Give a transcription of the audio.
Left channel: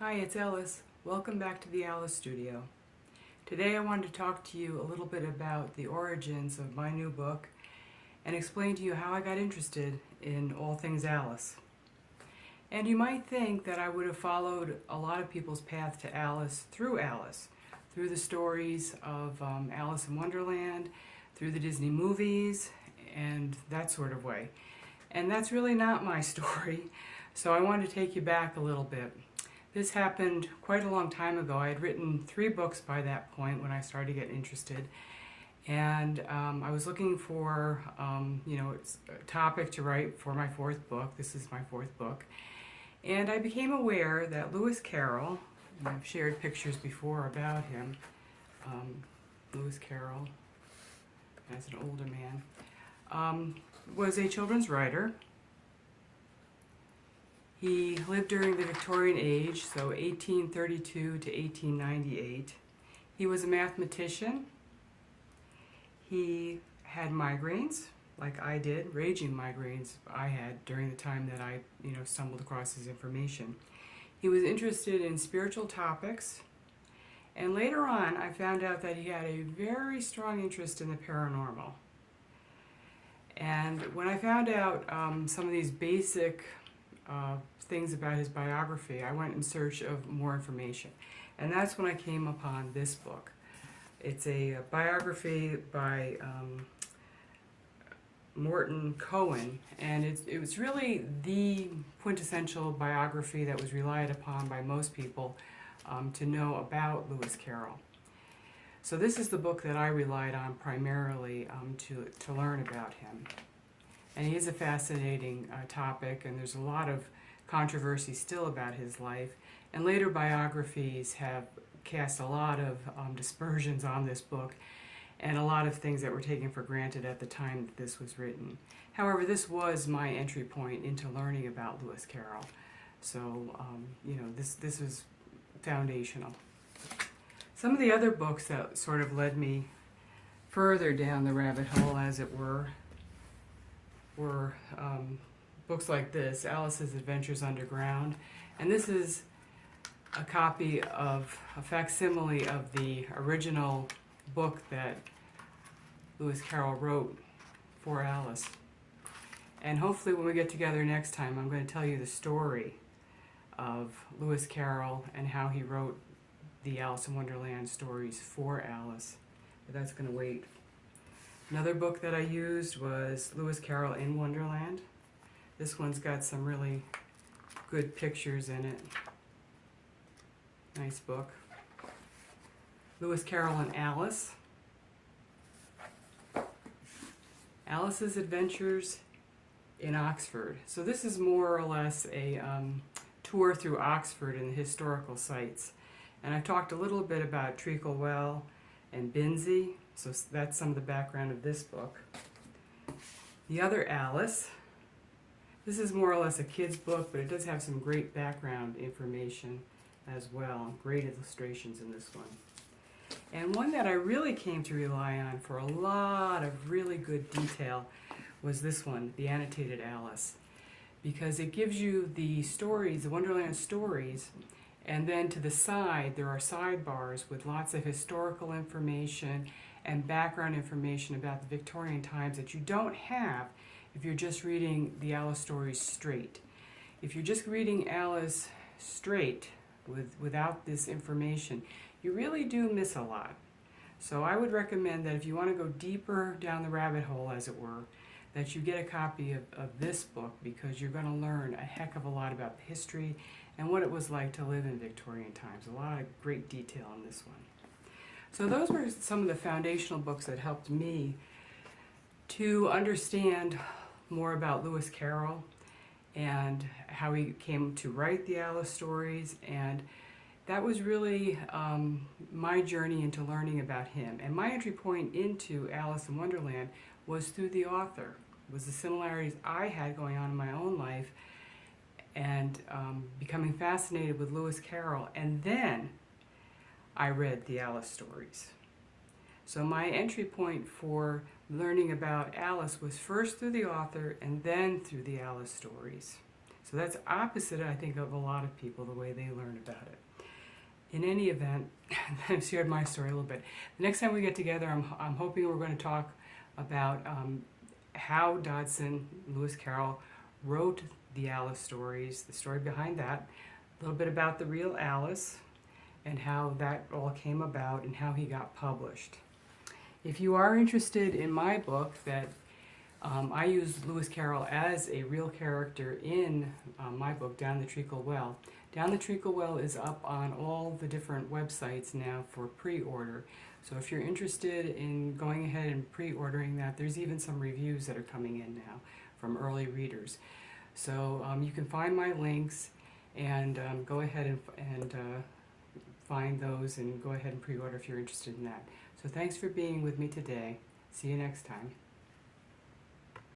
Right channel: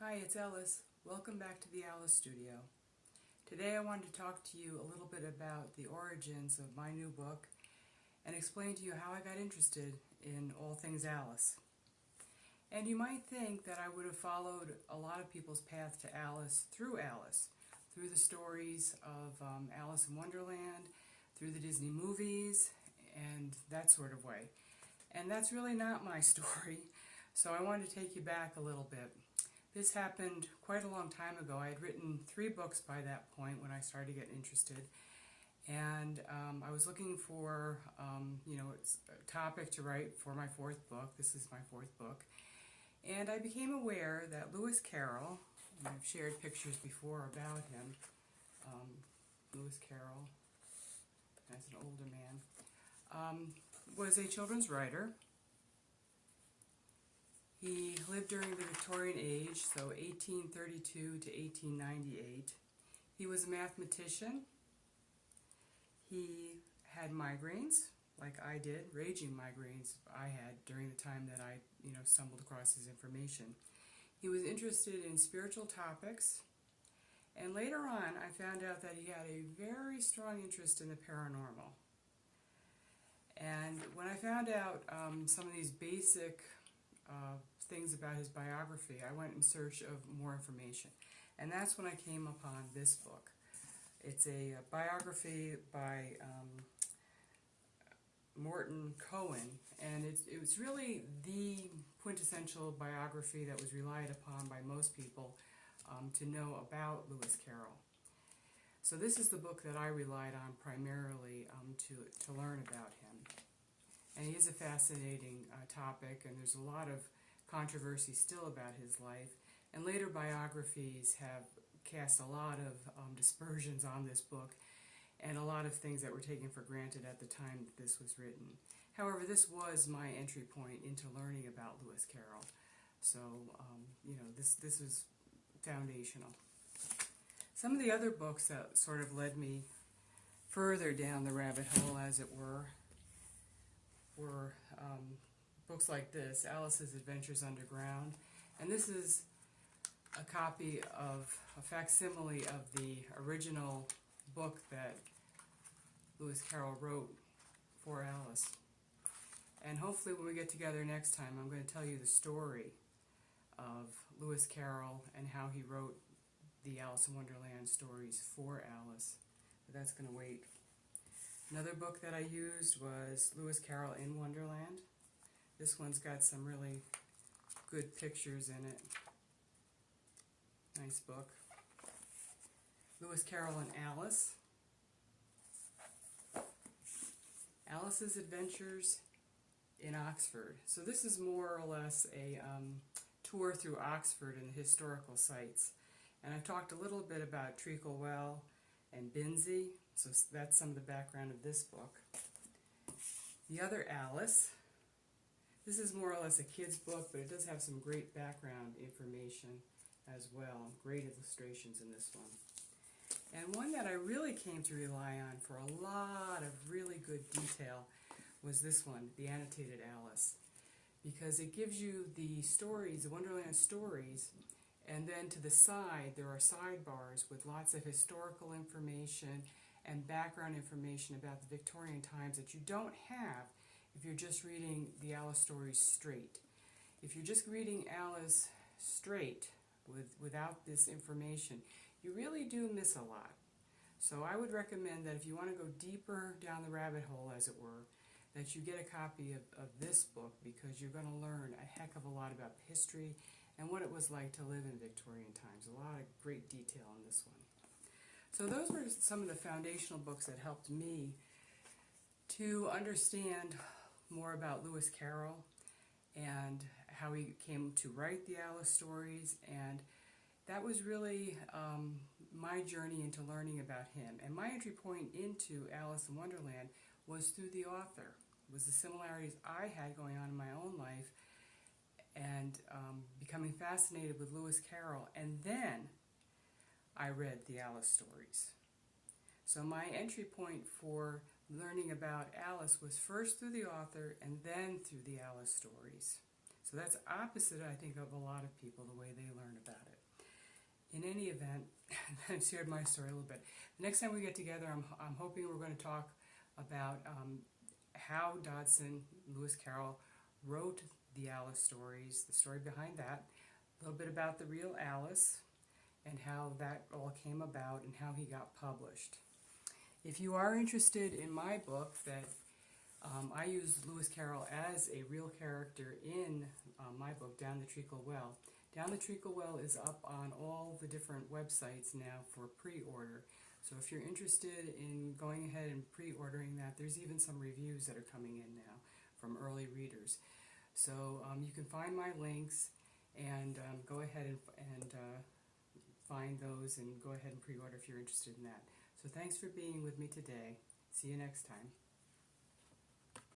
Hi, it's Alice. Welcome back to the Alice Studio. Today I wanted to talk to you a little bit about the origins of my new book and explain to you how I got interested in all things Alice. And you might think that I would have followed a lot of people's path to Alice, through the stories of Alice in Wonderland, through the Disney movies, and that sort of way. And that's really not my story, so I wanted to take you back a little bit. This happened quite a long time ago. I had written 3 books by that point when I started to get interested. And I was looking for, a topic to write for my 4th book. This is my 4th book. And I became aware that Lewis Carroll, and I've shared pictures before about him, Lewis Carroll, as an older man, was a children's writer. He lived during the Victorian age, so 1832 to 1898. He was a mathematician. He had migraines, like I did, raging migraines I had during the time that I, stumbled across his information. He was interested in spiritual topics, and later on I found out that he had a very strong interest in the paranormal. And when I found out some of these basic things about his biography, I went in search of more information. And that's when I came upon this book. It's a biography by Morton Cohen, and it was really the quintessential biography that was relied upon by most people to know about Lewis Carroll. So this is the book that I relied on primarily to learn about him. And he is a fascinating topic, and there's a lot of controversy still about his life. And later biographies have cast a lot of dispersions on this book, and a lot of things that were taken for granted at the time that this was written. However, this was my entry point into learning about Lewis Carroll. So, this was foundational. Some of the other books that sort of led me further down the rabbit hole, as it were books like this, Alice's Adventures Underground. And this is a copy of a facsimile of the original book that Lewis Carroll wrote for Alice. And hopefully when we get together next time, I'm going to tell you the story of Lewis Carroll and how he wrote the Alice in Wonderland stories for Alice. But that's going to wait. Another book that I used was Lewis Carroll in Wonderland. This one's got some really good pictures in it. Nice book. Lewis Carroll and Alice. Alice's Adventures in Oxford. So this is more or less a tour through Oxford and the historical sites. And I've talked a little bit about Treacle Well and Binsey, so that's some of the background of this book. The other Alice. This is more or less a kid's book, but it does have some great background information as well. Great illustrations in this one. And one that I really came to rely on for a lot of really good detail was this one, the Annotated Alice. Because it gives you the stories, the Wonderland stories, and then to the side there are sidebars with lots of historical information and background information about the Victorian times that you don't have if you're just reading the Alice stories straight. If you're just reading Alice straight without this information, you really do miss a lot. So I would recommend that if you want to go deeper down the rabbit hole, as it were, that you get a copy of this book, because you're going to learn a heck of a lot about the history and what it was like to live in Victorian times. A lot of great detail in this one. So those were some of the foundational books that helped me to understand more about Lewis Carroll and how he came to write the Alice stories, and that was really my journey into learning about him. And my entry point into Alice in Wonderland was through the author, was the similarities I had going on in my own life, and becoming fascinated with Lewis Carroll, and then I read the Alice stories. So my entry point for learning about Alice was first through the author and then through the Alice stories. So So that's opposite, I think, of a lot of people, the way they learn about it. In any event, I've shared my story a little bit. The next time we get together, I'm hoping we're going to talk about how Dodgson, Lewis Carroll, wrote the Alice stories, the story behind that, a little bit about the real Alice, and how that all came about and how he got published. If you are interested in my book, that I use Lewis Carroll as a real character in my book, Down the Treacle Well. Down the Treacle Well is up on all the different websites now for pre-order. So if you're interested in going ahead and pre-ordering that, there's even some reviews that are coming in now from early readers. So you can find my links and go ahead and find those and go ahead and pre-order if you're interested in that. So thanks for being with me today. See you next time.